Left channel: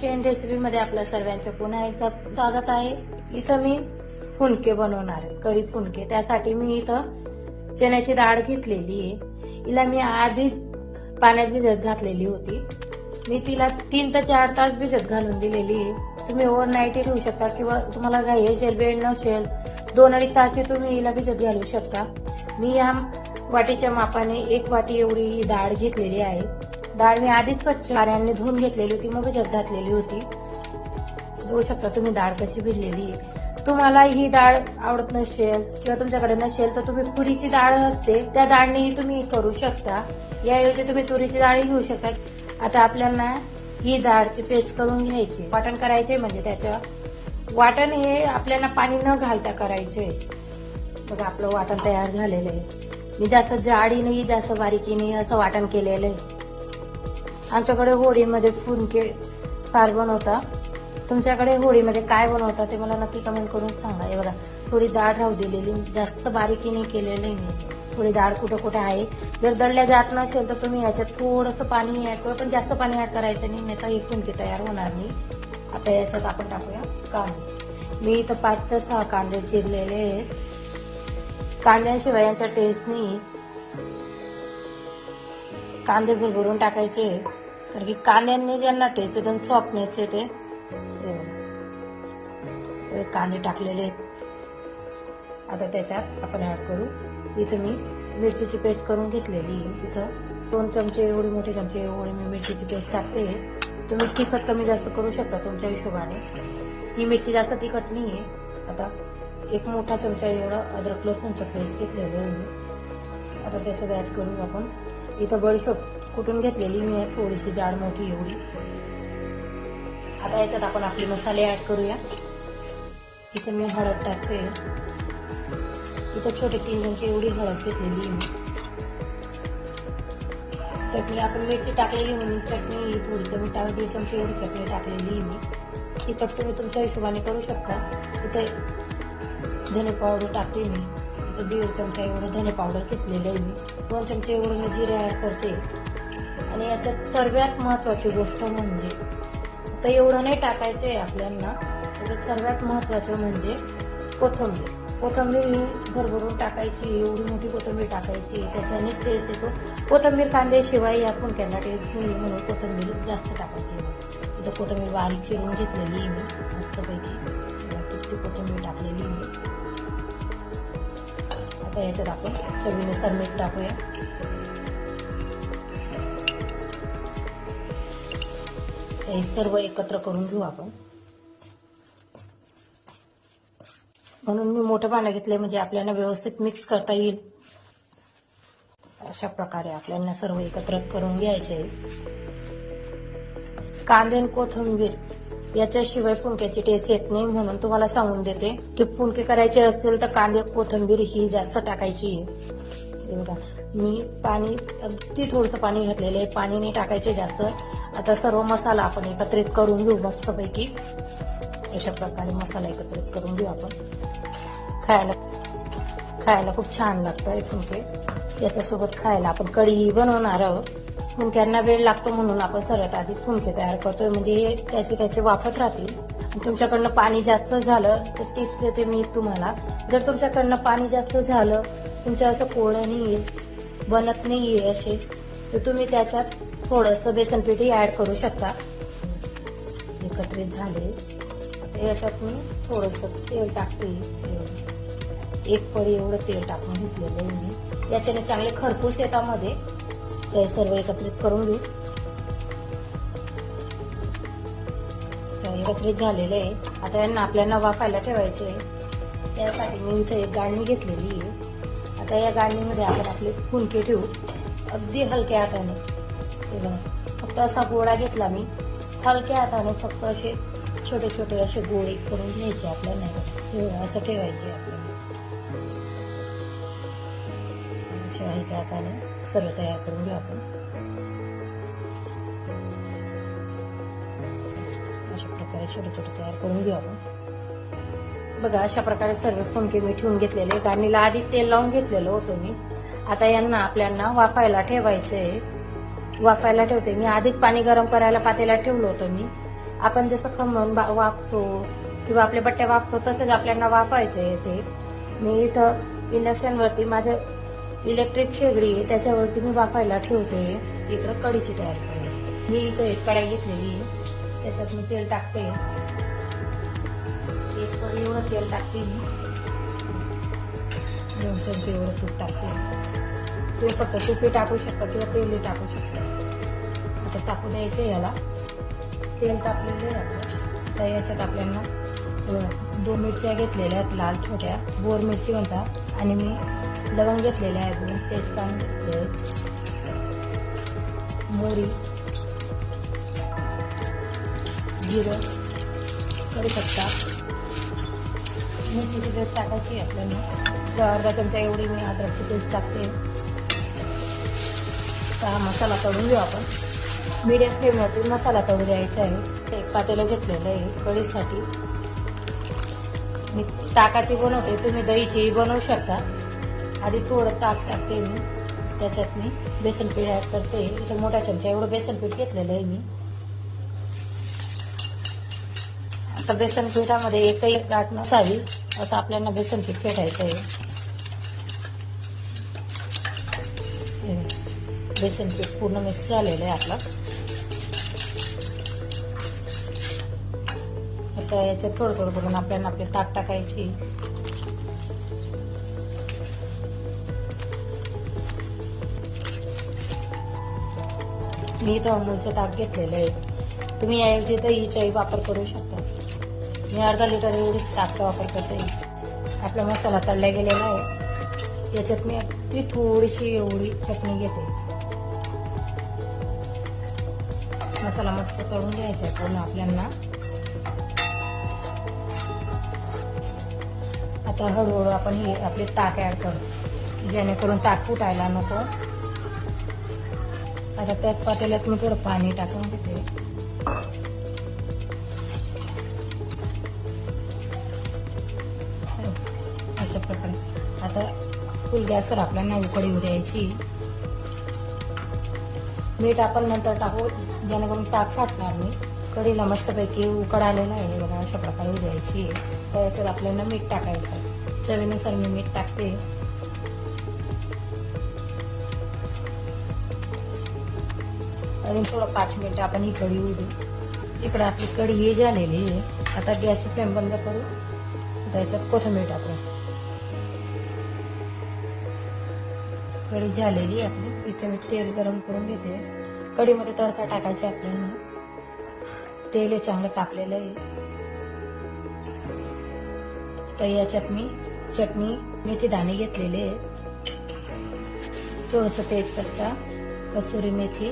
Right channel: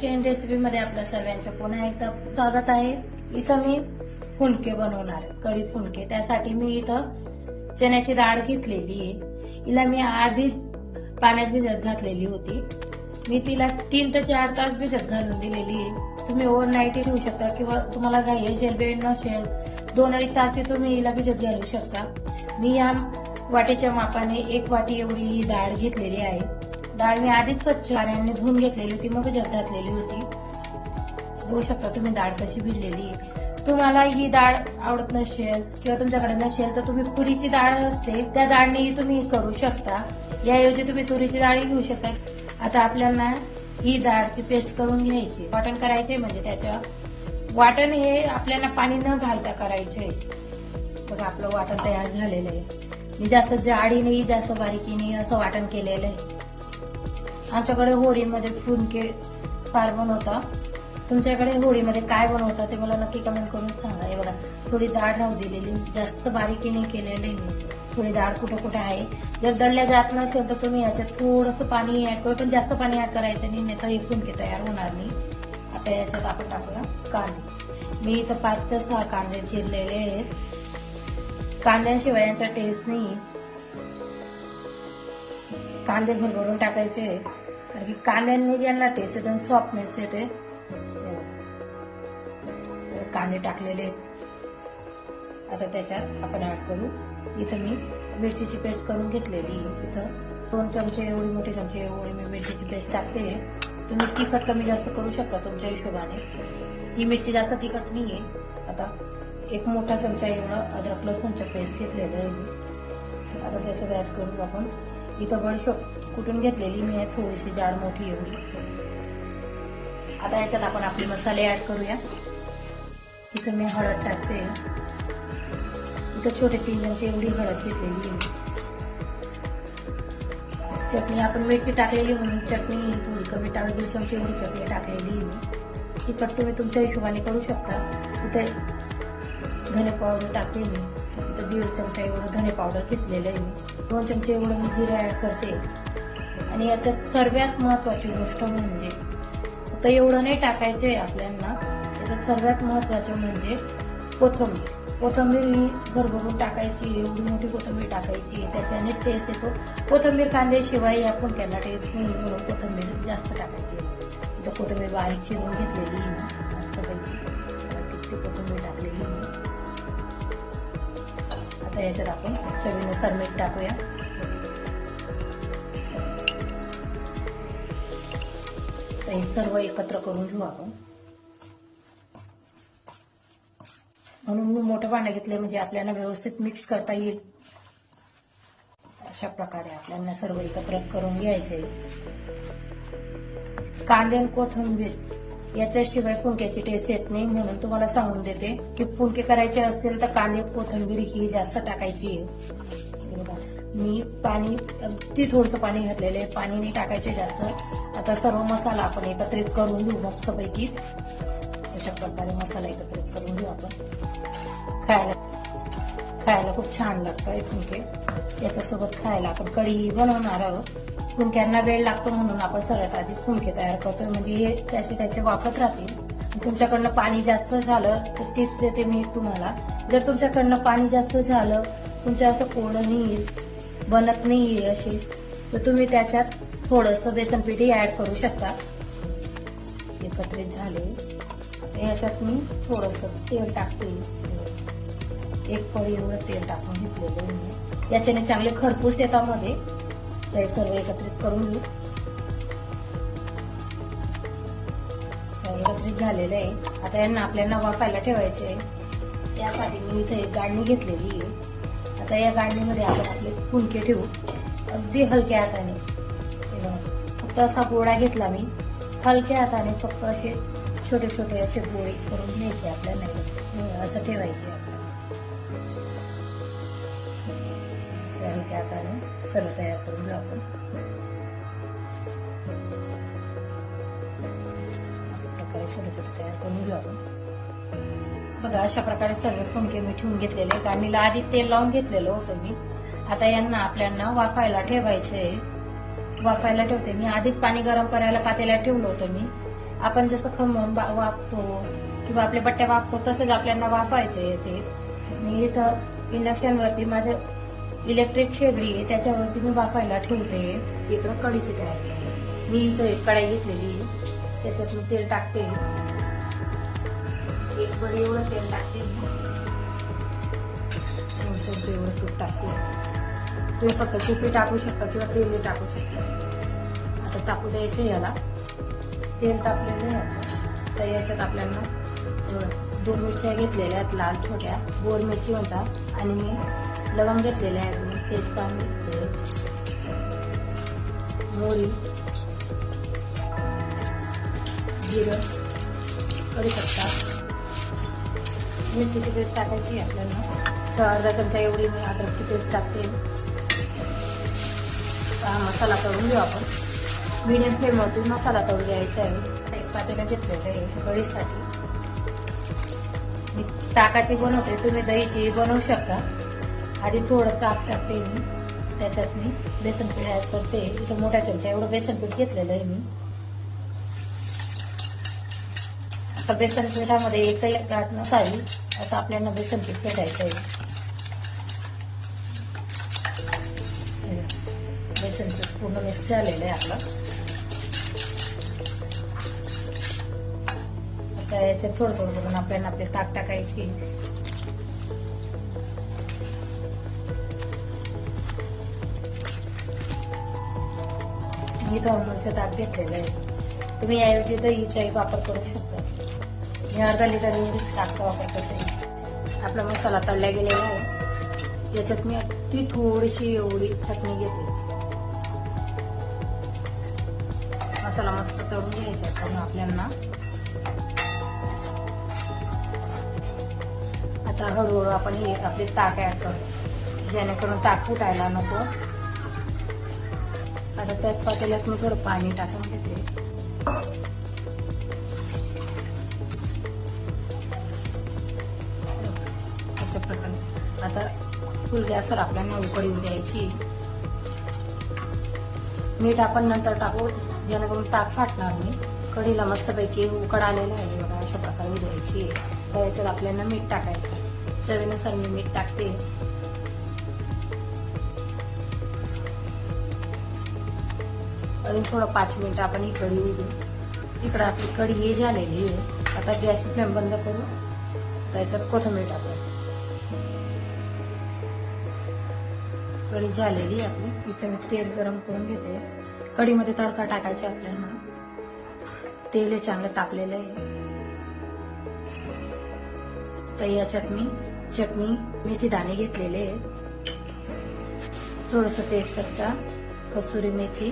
महाराष्ट्रीयन रेसिपीमध्ये आपल्या सर्वांचं पुन्हा एकदा स्वागत आहे. इथं मी फुलके बनवणार आहे कढी फुलके. त्यासाठी मी इथं चण्याची डाळ घेतलेली आहे. हिला मी आधीच पाण्यात भिजत घातलेली होती. मी तिला तीन ते चार तास भिजत घालून दिलेली आहे. तुम्ही ओव्हरनाईट ठेवू शकता किंवा तुम्हाला घाई असेल वेळ नसेल दोन अडीच तास तुम्ही हिला भिजत घालू शकता. मी या वाटीच्या मापाने एक वाटी एवढी ही डाळ घेतलेली आहे. डाळ मी आधीच स्वच्छ पाण्याने धुवून घेतलेली होती मग भिजत घातलेली होती. बघू शकता तुम्ही डाळ कशी भिजलेली तुम्हाला ही डाळ आवडत नसेल किंवा तुमच्याकडे नसेल तर तुम्ही तुरीची डाळ असते त्या डाळनेही तुम्ही करू शकता. याऐवजी तुम्ही तुरीची डाळ घेऊ शकता. आता आपल्याला ही डाळची पेस्ट करून घ्यायची. वाटण करायचे म्हणजे त्याच्या. वाटण हे आपल्याला पाणी न घालता करायचे बघा आपलं वाटण तयार झालेलं आहे. मी जास्त जाडीने जास्त बारीकीने असं वाटण केलेलं आहे. आमच्याकडे होळीमध्ये फुलके फार बनवता. तुमच्याकडे होळीमध्ये काय बनवता ते मला नक्की कमेंट करून सांगा. एवढा बघा थोडी डाळ राहू दिलेली. जास्त बारीकीने केलेली मी थोडी डाळ कुठं कुठं आहे. जर दळलं जात नसेल तर तुम्ही याच्यात थोडंसं पाणी ऐकलं पण जास्त पाणी ऍड करायचं नाही. नाही तर हे तयार होणार नाही. आता याच्यात आपण टाकूया. कांदे मी इथं पाच ते सहा कांदे चिरलेले आहे कांद्याशिवाय यांचा टेस्ट नाही. कांदे भरभरून टाकायचे. कारण की कांद्यांनी ज्यांना टेस्ट आहे त्यांना सॉफ्टनेस येते कांदे टाकलेले आहेत. आता त्याच्यात आपण ऍड करू. इथे मी मिरचीची पेस्ट करून घेतलेली. इथं दोन चमचे एवढी मोठे चमचे एवढी मी मिरचीची पेस्ट टाकते. तुम्ही तिखट कमी जास्त करू शकता तुमच्या हिशोबाने. ही मिरची जास्त तिखट नाही आहे आता एक मोठा चमचा एवढं अद्रक लसूणचा पेस्ट घेतलेलं आहे आता त्याच्यात ऍड करू आपण. इथं बडीशोप कुटून घेतलेली मी थोडीशी जाड मोठी एवढी. आता याच्यात आपण आपले मसाले ऍड करूया. इथं मी हळद टाकते. इथं छोटी तीन चमचे एवढी हळद घेतलेली आहे. चटणी आपण मिरची टाकलेली म्हणून चटणी थोडी कमी टाक दीड चमचे एवढी चटणी टाकलेली आहे तिखट तुम्ही तुमच्या हिशोबाने करू शकता. इथे धने पावडर टाकते मी. इथं दीड चमचा एवढं धने पावडर घेतलेलं आहे मी. दोन चमचे एवढं मी जिरे ॲड करते. आणि याच्यात सर्वात महत्त्वाची गोष्ट म्हणजे आता एवढं नाही टाकायचं आहे आपल्याला त्याच्यात सर्वात महत्त्वाचं म्हणजे कोथिंबीर. कोथिंबीर ही भरभरून टाकायची एवढी मोठी कोथिंबीर टाकायची त्याच्याने टेस्ट येतो. कोथिंबीर कांद्याशिवाय आपण त्यांना टेस्ट नाही म्हणून कोथंबीर जास्त टाकायची. तर कोथंबीर बारीक चिरून घेतलेली मी मस्तपैकी. किती टाकलेली मी. आता याच्यात आपण चवीनुसार मीठ टाकूया. हे सर्व एकत्र करून घेऊ आपण. म्हणून मी मोठं पाणी घेतलंय म्हणजे आपल्याला व्यवस्थित मिक्स करता येईल. अशा प्रकारे आपल्याला सर्व एकत्र करून घ्यायचे कांदे कोथिंबीर याच्याशिवाय फुंक्याची टेस्ट येत नाही म्हणून तुम्हाला सांगून देते की फुंके करायचे असतील तर कांदे कोथिंबीर ही जास्त टाकायची. आहे हे बघा, मी पाणी अगदी थोडंसं पाणी घातलेलं आहे. पाणी नाही टाकायचे जास्त. आता सर्व मसाला आपण एकत्रित करून घेऊ मस्तपैकी. अशा प्रकारे मसाला एकत्रित करून घेऊ आपण. खायला खायला खूप छान लागतं हे फुंके याच्यासोबत खायला आपण कढी बनवणार आहोत. फुंक्यांना वेळ लागतो म्हणून आपण सर्वात आधी फुंके तयार करतोय. म्हणजे हे त्याचे त्याचे वापरत राहतील. तुमच्याकडनं पाणी जास्त झालं तर टिप्स देते मी तुम्हाला. जर तुमच्याकडनं पाणी जास्त झालं तुमच्या असं कोळं नाही बनत नाही आहे असे तर तुम्ही त्याच्यात थोडंसं बेसन पिठी ऍड करू शकता. एकत्रित झाले. याच्यात मी थोडंसं तेल टाकते. एक पडी एवढं तेल टाकून घेतलेलं मी. याच्याने चांगले खरपूस येतात मध्ये. ते सर्व एकत्रित करून घेऊ. एकत्रित झालेलं आहे. आता यांना आपल्याला वाफायला ठेवायचे त्यासाठी मी इथे एक गाळणी घेतलेली आहे. आता या गाडणीमध्ये आपण आपले फुलके ठेवू. अगदी हलक्या हाताने. फक्त असा गोळा घेतला मी. हलक्या हाताने फक्त असे छोटे छोटे असे गोळे करून घ्यायचे आपल्याला. हो, असं ठेवायचे. हलक्या हाताने सर्व तयार करून घेऊ आपण. अशा प्रकारे छोटे छोटे तयार करून घेऊ आपण. बघा अशा प्रकारे सर्व फुंके मी ठेवून घेतलेले आहेत आणि आधी तेल लावून घेतलेलं होतं मी. आता यांना आपल्याला वाफायला ठेवायचे आहे. वाफायला ठेवते. मी आधीच पाणी गरम करायला पातेला ठेवलं होतं मी. आपण जसं खमण बा- किंवा आपल्या बट्ट्या वाफतो तसेच आपल्याला वाफायचे आहे ते. मी इथं इंडक्शनवरती माझं इलेक्ट्रिक शेगडी आहे त्याच्यावरती मी वाफायला ठेवते. इकडे कढीची तयार मी इथं एक कढाई घेतलेली त्याच्यात मी तेल टाकते. एक एवढं तेल टाकते मी. दोन चमचे एवढं तूप टाकते तुम्ही फक्त तिथे टाकू शकता किंवा तेल टाकू शकता. आता टाकू द्यायचं याला. तेल टाकलेलं आहे तर याच्यात आपल्याला दोन मिरच्या घेतलेल्या आहेत लाल छोट्या. गोड मिरची म्हणतात. आणि मी लवंग घेतलेल्या आहेत. मी तेजपान मोरी जिरं. करू शकता मेथीची पेस्ट टाकायची आपल्याला अर्धा एवढी मी अद्रकची पेस्ट टाकते. मसाला तळून घेऊ आपण. मीडियम फ्लेमवरती मसाला तळून द्यायचा आहे. एक पातेलं घेतलेलं आहे कढीसाठी मी ताकाची बनवते तुम्ही दहीचीही बनवू शकता. आधी थोडं ताक टाकते मी. त्याच्यात मी बेसन पीठ ॲड करते मोठ्या चमचा एवढं बेसन पीठ घेतलेलं आहे मी. आता बेसन पिठामध्ये एकही गाठ नसावी असं आपल्याला बेसन पीठ फेटायचं आहे बेसन पीठ पूर्ण मिक्स झालेलं आहे आपलं आता याच्यात थोडं थोडं करून आपल्याला आपली ताक टाकायची. मी इथं अमूलचं ताक घेतलेलं आहे तुम्ही याऐवजी दहीचाही वापर करू शकता. मी अर्धा लिटर एवढीच ताक वापर करते. आपला मसाला तळला गेलेला आहे. याच्यात मी ती थोडीशी एवढी चटणी घेते. मसाला मस्त तळून घ्यायचा आपण आपल्याला. आता हळूहळू आपण हे आपले ताक ॲड करू जेणेकरून ताक फुटायला नको. आता त्यात पातेल्यात मी थोडं पाणी टाकून घेते गॅसवर आपल्याला उकडून द्यायची मीठ आपण नंतर टाकू जेणेकरून ताक फाटणार नाही. कढीला मस्तपैकी उकड आलेलं आहे. बघा अशा प्रकारे द्यायची त्याच्यात आपल्याला मीठ टाकायचं चवीनुसार मी मीठ टाकते. अजून थोडं पाच मिनिट आपण ही कढी उडू इकडं आपली कढी ही झालेली आता गॅसची फ्लेम बंद करू. त्याच्यात कोथिंबीर टाकू. कढी झालेली आहे आपली. इथे मी तेल गरम करून घेते. कढीमध्ये तडका टाकायचा आपल्याला तेल याच्यामध्ये टाकलेलं आहे. तर याच्यात मी चटणी मेथी दाणे घेतलेले आहे. थोडस तेजपत्ता कसुरी मेथी.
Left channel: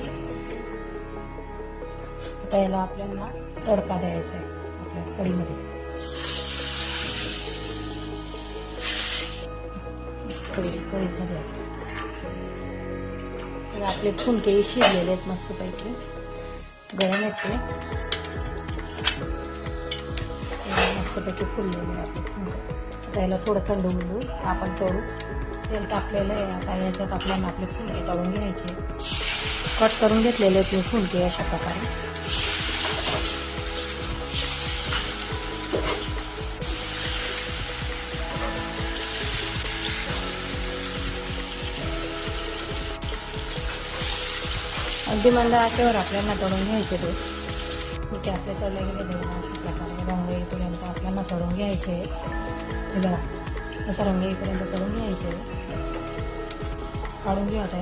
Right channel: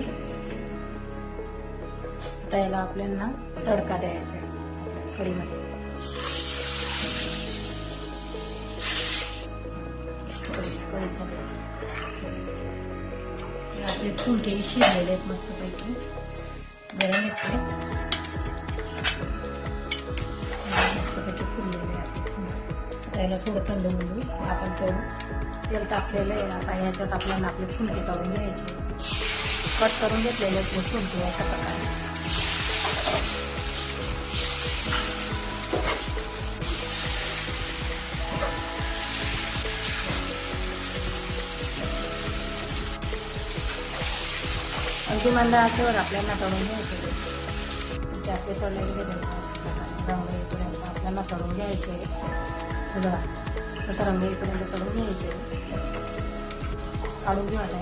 आता याला आपल्याला तडका द्यायचा आहे कढीमध्ये. कढी हे आपले फुलके शिजलेले आहेत मस्तपैकी. गरम येते मस्तपैकी फुललेले आहे आपले फुंके आता थोडं थंड होऊ आपण तळू. तेल तापलेलं आहे आता. याच्यात आपल्याला आपले फुलके तळून घ्यायचे. कट करून घेतलेले ते फुंके अशा प्रकारे. अगदी मंद आचेवर आपल्याला तळून घ्यायचे ते ओके आपले तळलेले रंग इकडे त्यांना करून घ्यायचे. बघा असं रंग इकडे करून घ्यायचे. काढून घेऊ आता